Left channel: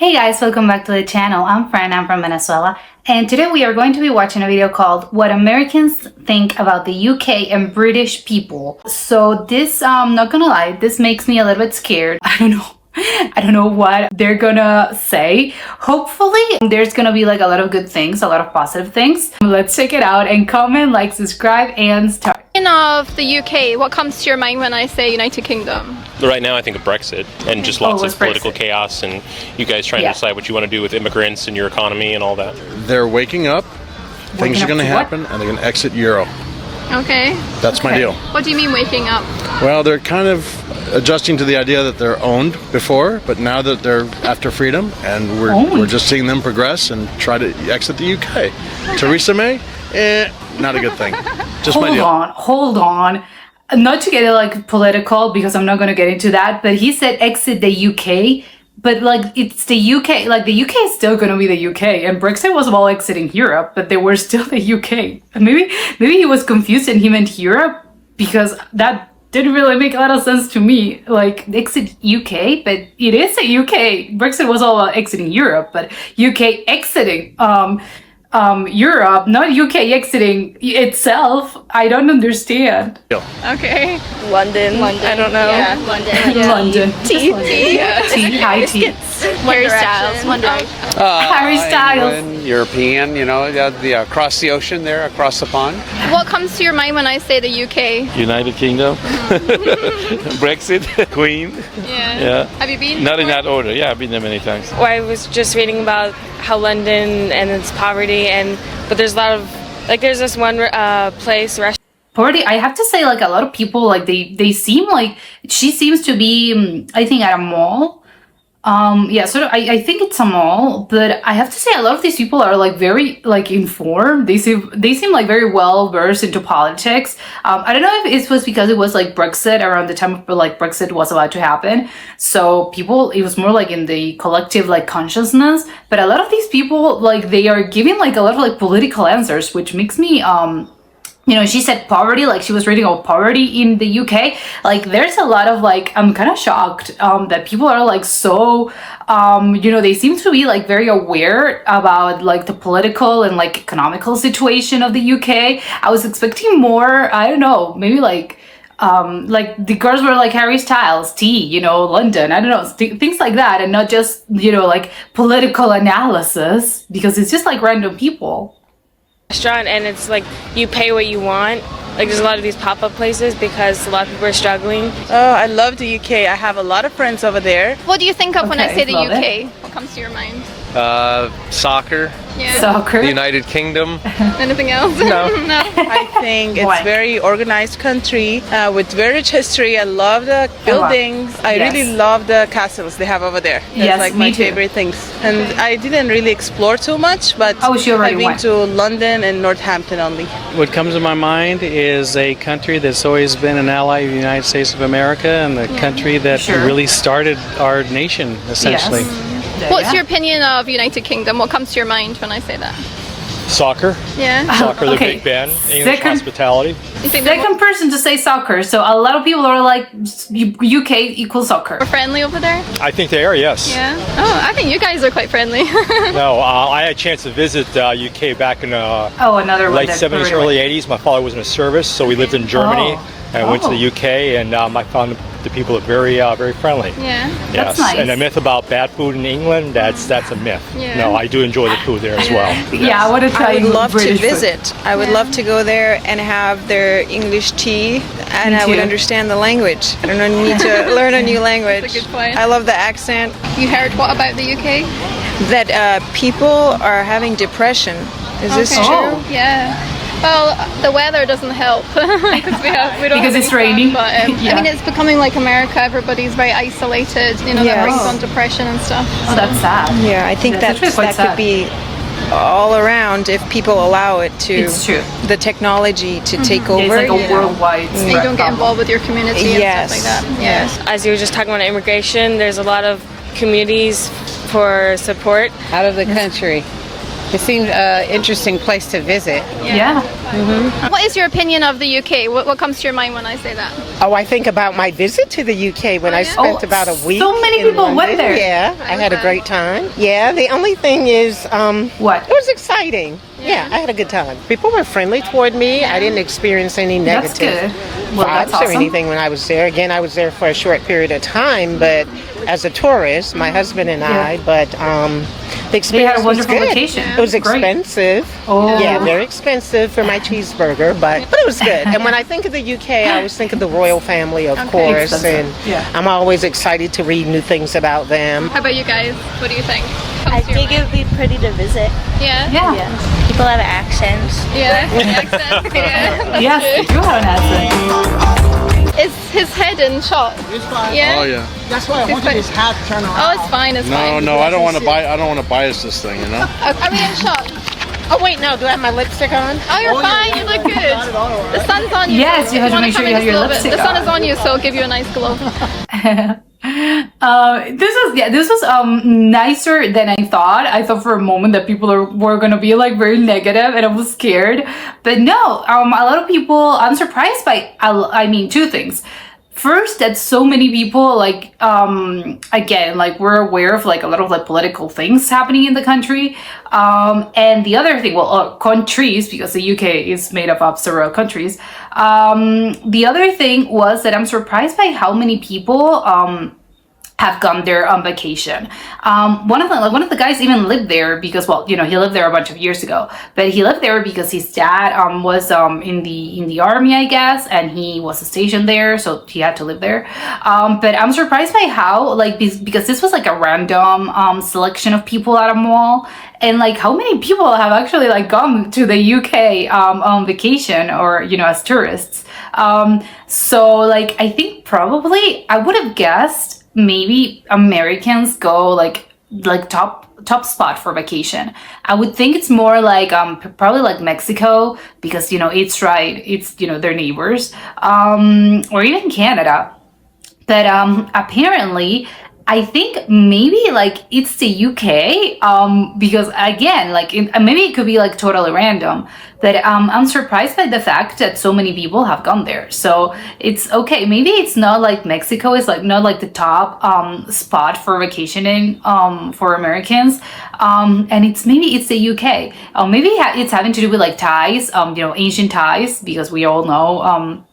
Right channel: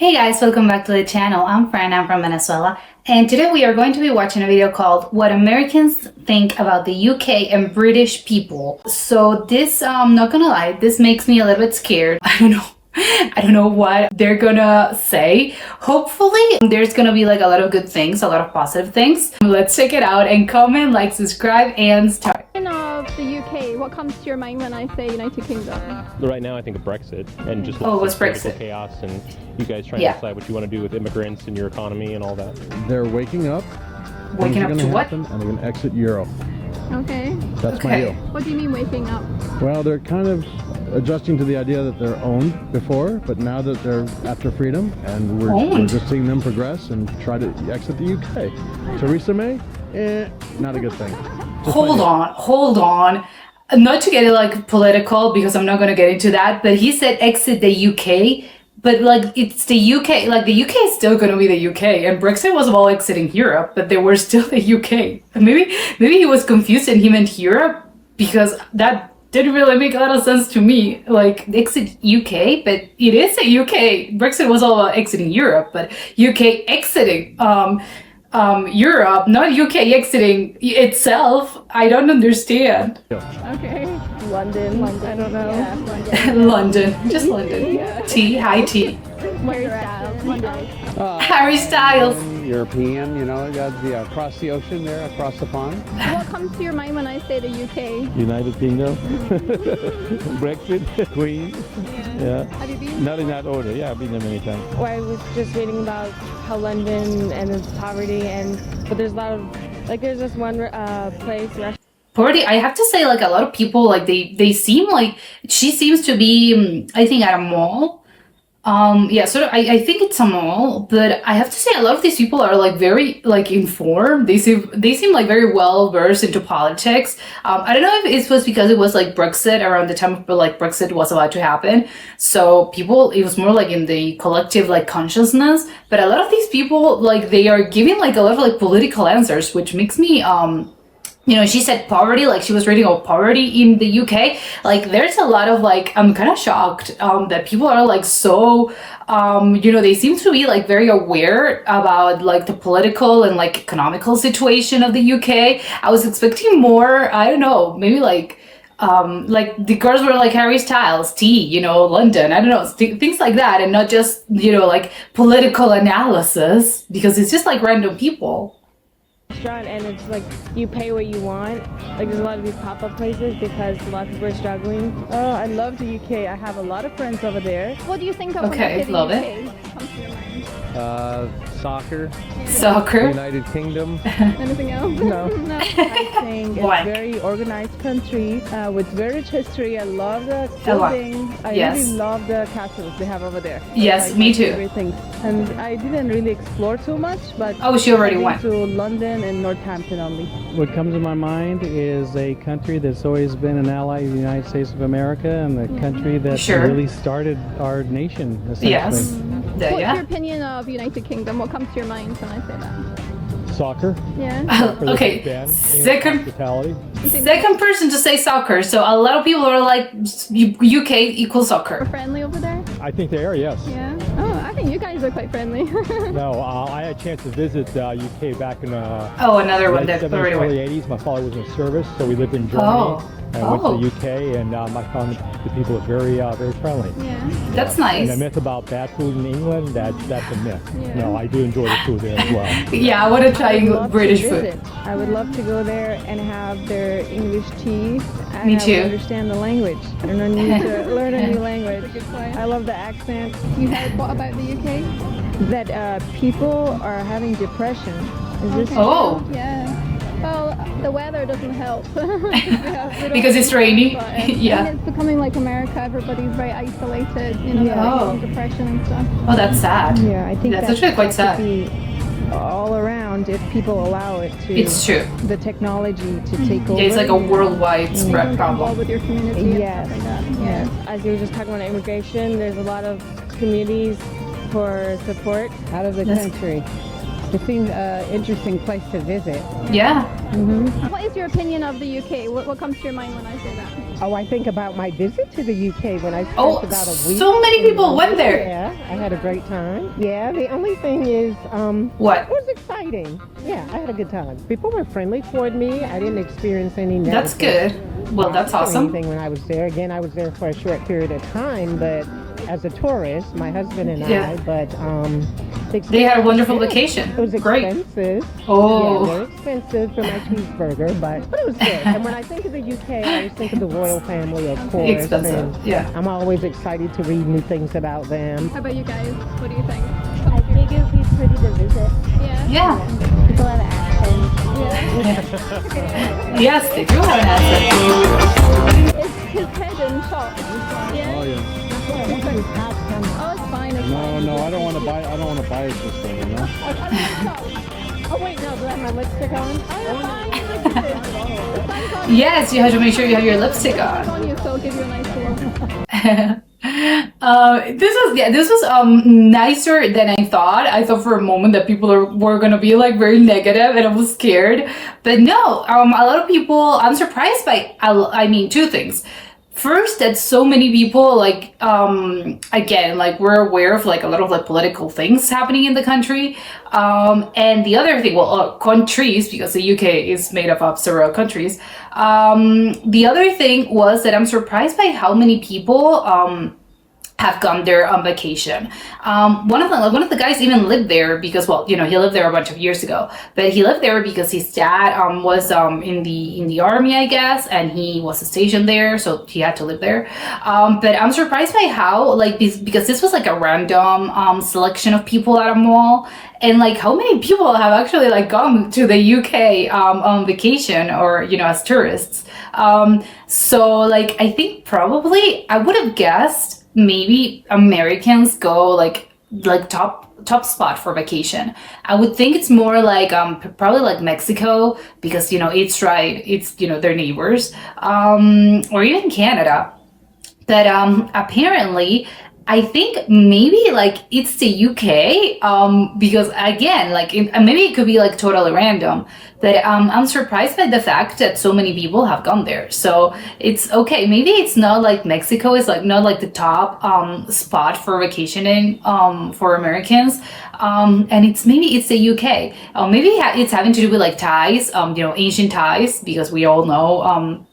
Hey guys, welcome back to the channel. I'm Fran, I'm from Venezuela, and today we are going to be watching a video called What Americans Think About the UK and British People. So this, not gonna lie, this makes me a little bit scared. I don't know what they're gonna say. Hopefully there's gonna be like a lot of good things, a lot of positive things. Let's check it out and comment, like, subscribe, and start. Of the UK, what comes to your mind when I say United Kingdom? Right now I think of Brexit and just lots of political chaos and you guys trying to decide what you want to do with immigrants and your economy and all that. They're waking up, things are going to happen, and they're going to exit Euro. Okay. That's my deal. What do you mean waking up? Well, they're kind of adjusting to the idea that they're owned before, but now that they're after freedom, and we're just seeing them progress and try to exit the UK. Okay. Theresa May, not a good thing. Just Hold on. Not to get it like political, because I'm not going to get into that, but he said exit the UK, but like it's the UK, like the UK is still going to be the UK, and Brexit was all exiting Europe, but they were still the UK. Maybe he was confused and he meant Europe, because that didn't really make a lot of sense to me. Like exit UK, but it is a UK. Brexit was all about exiting Europe, but UK exiting Europe, not UK exiting itself. I don't understand. Okay. London. I don't know. Yeah, London. Yeah. London. Tea. High tea. Harry Styles. Harry Styles. European, you know, across the ocean there, across the pond. What comes to your mind when I say the UK? United Kingdom, Brexit, Queen. Yeah. Have you been? Not in that order. Yeah, I've been there many times. Well, I was just reading about how London and its poverty, but there's a lot of, like, there's this one restaurant. Poverty, I have to say, like, a lot of people, like, they seem like, she seems to be, I think, at a mall. Yeah, so I think it's a mall, but I have to say a lot of these people are like very like informed. They seem like very well versed into politics. I don't know if it was because it was like Brexit around the time of like Brexit was about to happen. So people, it was more like in the collective like consciousness, but a lot of these people, like, they are giving like a lot of like political answers, which makes me you know, she said poverty, like she was reading about poverty in the UK. Like there's a lot of like, I'm kind of shocked that people are like so, you know, they seem to be like very aware about like the political and like economical situation of the UK. I was expecting more, I don't know, maybe like the girls were like Harry Styles, tea, you know, London, I don't know, things like that, and not just, you know, like political analysis, because it's just like random people. Restaurant, and it's like you pay what you want. Like there's a lot of these pop-up places because a lot of people are struggling. Oh, I love the UK. I have a lot of friends over there. What do you think of when I say the UK? What comes to your mind? Soccer. Yeah. Soccer. The United Kingdom. Anything else? No. I think it's very organized country with very rich history. I love the buildings. I really love the castles they have over there. That's like my favorite things. And I didn't really explore too much, but I've been to London and Northampton only. What comes to my mind is a country that's always been an ally of the United States of America, and the country that really started our nation, essentially. Yes. What's your opinion of United Kingdom? What comes to your mind when I say that? Soccer. Yeah. Soccer, the Big Ben, English hospitality. Second person to say soccer, so a lot of people are like UK equals soccer. We're friendly over there? I think they are, yes. Yeah. Oh, I think you guys are quite friendly. No, I had a chance to visit UK back in late 70s, early 80s. My father was in a service, so we lived in Germany. I went to the UK, and I found the people are very friendly. Yeah. Yes. That's nice. And the myth about bad food in England, that's a myth. Yeah. No, I do enjoy the food there as well. Yeah, I want to try British food. I would love to go there and have their English tea, and I would understand the language. I don't need to learn a new language. That's a good point. I love the accent. You heard what about the UK? That people are having depression. Is this true? Oh. Yeah. Well, the weather doesn't help because it's raining. But I mean, it's becoming like America. Everybody's very isolated. You know, that brings on depression and stuff. Oh, that's sad. Yeah, I think that could be all around if people allow it to. It's true. The technology to take over. It's like a worldwide. So you don't get involved with your community and stuff like that. Yes. As you were just talking about immigration, there's a lot of communities for support. Out of the country. It seemed an interesting place to visit. Yeah. What is your opinion of the UK? What comes to your mind when I say that? Oh, I think about my visit to the UK when I spent about a week. So many in people London. went there. Yeah, I had a great time. Yeah, the only thing is, what? It was exciting. Yeah, I had a good time. People were friendly toward me. I didn't experience any negative That's good. Well, that's vibes or awesome. anything when I was there. Again, I was there for a short period of time, but as a tourist, my husband and I, but the experience They had a wonderful was good. vacation. It was Great. expensive. Oh. Yeah, very expensive for my cheeseburger, but it was good. And when I think of the UK, I always think of the royal family, of course, Expensive. and Yeah. I'm always excited to read new things about them. How about you guys? What do you think? I think it would be pretty to visit. Yeah? Yeah. People have accents. Yeah. Accent. Yeah. Yes, they do have an accent. Is his head in shot? Yeah. Oh yeah. That's why I wanted his hat turned on. Oh, it's fine. It's fine. No, I don't want to bias this thing, you know. Are we in shot? Oh wait, no, do I have my lipstick on? Oh, you're fine. You look good. The sun's on you. Yes, you have to wanna make sure come you in have your just a little bit? lipstick The sun on. is on you, so it'll give you a nice glow. This was nicer than I thought. I thought for a moment that people were gonna be like very negative, and I was scared. But no, a lot of people. I'm surprised by. I mean, two things. First, that so many people like again, like we're aware of like a lot of like political things happening in the country. And the other thing, well, countries, because the UK is made up of several countries. The other thing was that I'm surprised by how many people have gone there on vacation. One of the guys even lived there because, well, you know, he lived there a bunch of years ago, but he lived there because his dad was in the army, I guess, and he was stationed there, so he had to live there. But I'm surprised by how like this, because this was like a random selection of people at a mall. And like how many people have actually like gone to the UK on vacation or, you know, as tourists. So like I think probably I would have guessed maybe Americans go like top spot for vacation. I would think it's more like probably like Mexico, because, you know, it's right, it's, you know, their neighbors, or even Canada. But apparently I think maybe like it's the UK, because again, like maybe it could be like totally random, but I'm surprised by the fact that so many people have gone there. So it's okay. Maybe it's not like Mexico is like not like the top spot for vacationing for Americans, and maybe it's the UK. Maybe it's having to do with like ties, you know, ancient ties, because we all know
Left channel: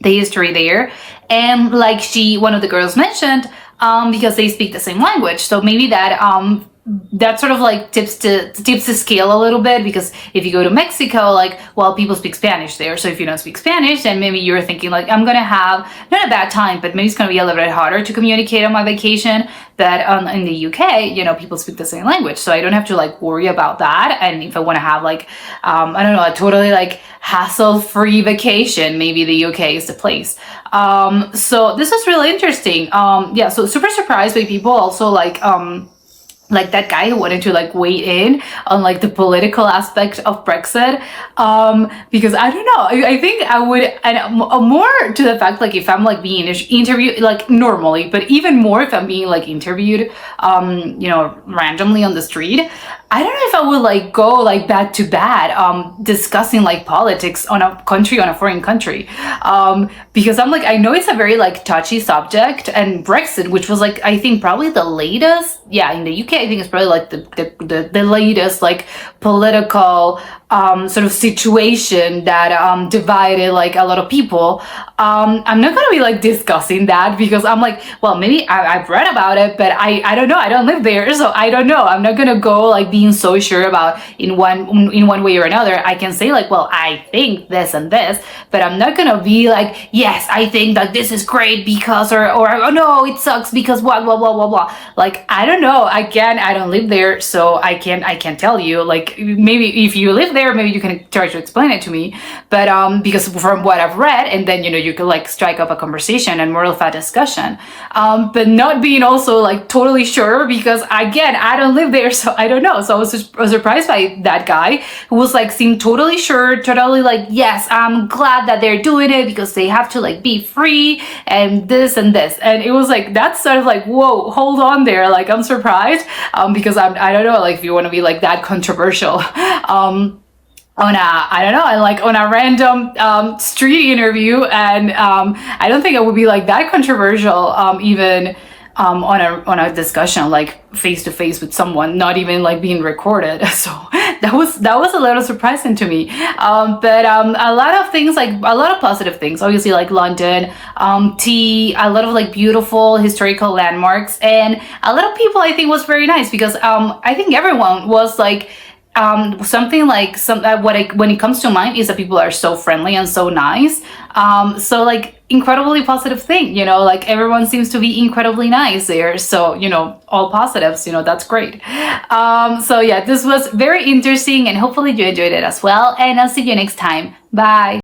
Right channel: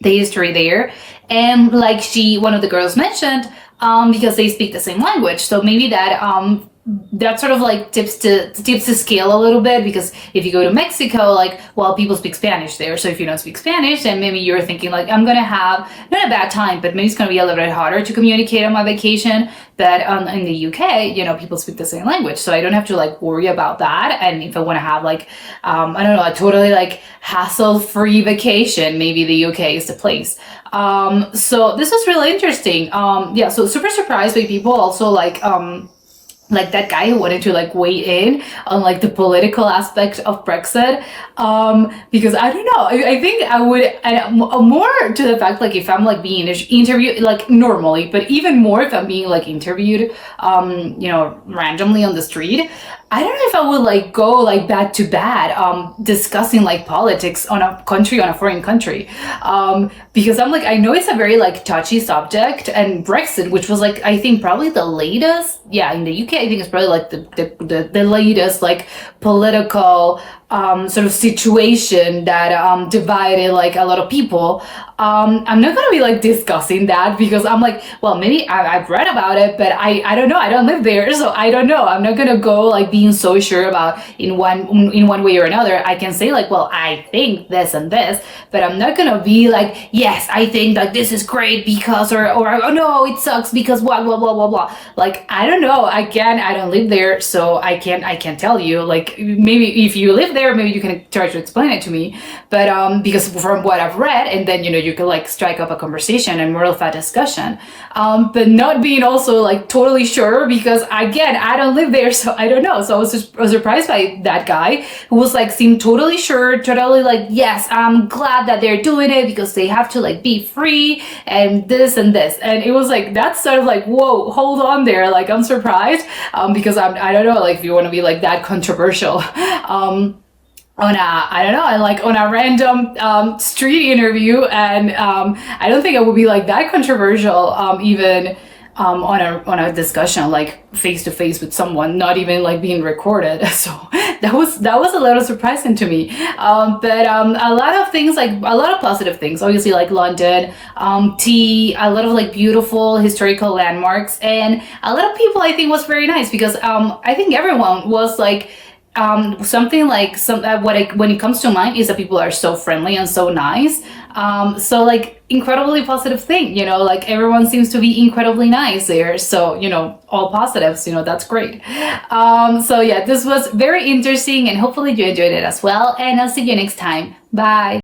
the history there, and like one of the girls mentioned. Because they speak the same language, so maybe that sort of like tips the scale a little bit, because if you go to Mexico, like, well, people speak Spanish there, so if you don't speak Spanish, then maybe you're thinking like, I'm gonna have not a bad time, but maybe it's gonna be a little bit harder to communicate on my vacation. But in the UK, you know, people speak the same language, so I don't have to like worry about that. And if I want to have like I don't know, a totally like hassle-free vacation, maybe the UK is the place. So this is really interesting. Yeah, so super surprised by people also like that guy who wanted to like weigh in on like the political aspect of Brexit, because I don't know, I think I would, and more to the fact like if I'm like being interviewed like normally, but even more if I'm being like interviewed you know, randomly on the street, I don't know if I would like go like bad to bad discussing like politics on a foreign country, because I'm like, I know it's a very like touchy subject, and Brexit, which was like I think probably the latest, yeah, in the UK I think it's probably like the latest like political sort of situation that divided like a lot of people. I'm not gonna be like discussing that, because I'm like, well, maybe I've read about it, but I don't know, I don't live there, so I don't know. I'm not gonna go like being so sure about in one way or another. I can say like, well, I think this and this, but I'm not gonna be like, yes, I think that this is great because, or oh no, it sucks because blah blah blah blah blah. Like, I don't know. Again, I don't live there, so I can't tell you. Like, maybe if you live there, maybe you can try to explain it to me. But because from what I've read, and then, you know, you could like strike up a conversation and more of a discussion. But not being also like totally sure, because again, I don't live there, so I don't know. So I was surprised by that guy who was like, seemed totally sure, totally like, yes, I'm glad that they're doing it because they have to like be free and this and this. And it was like, that's sort of like, whoa, hold on there. Like, I'm surprised because I don't know, like if you want to be like that controversial. On a random street interview, and I don't think it would be like that controversial even on a discussion like face to face with someone, not even like being recorded. So that was a little surprising to me. But a lot of things, like a lot of positive things, obviously, like London, tea, a lot of like beautiful historical landmarks, and a lot of people I think was very nice because I think everyone was like something like when it comes to mind is that people are so friendly and so nice. So like incredibly positive thing, you know, like everyone seems to be incredibly nice there. So, you know, all positives, you know, that's great. So yeah, this was very interesting and hopefully you enjoyed it as well. And I'll see you next time. Bye.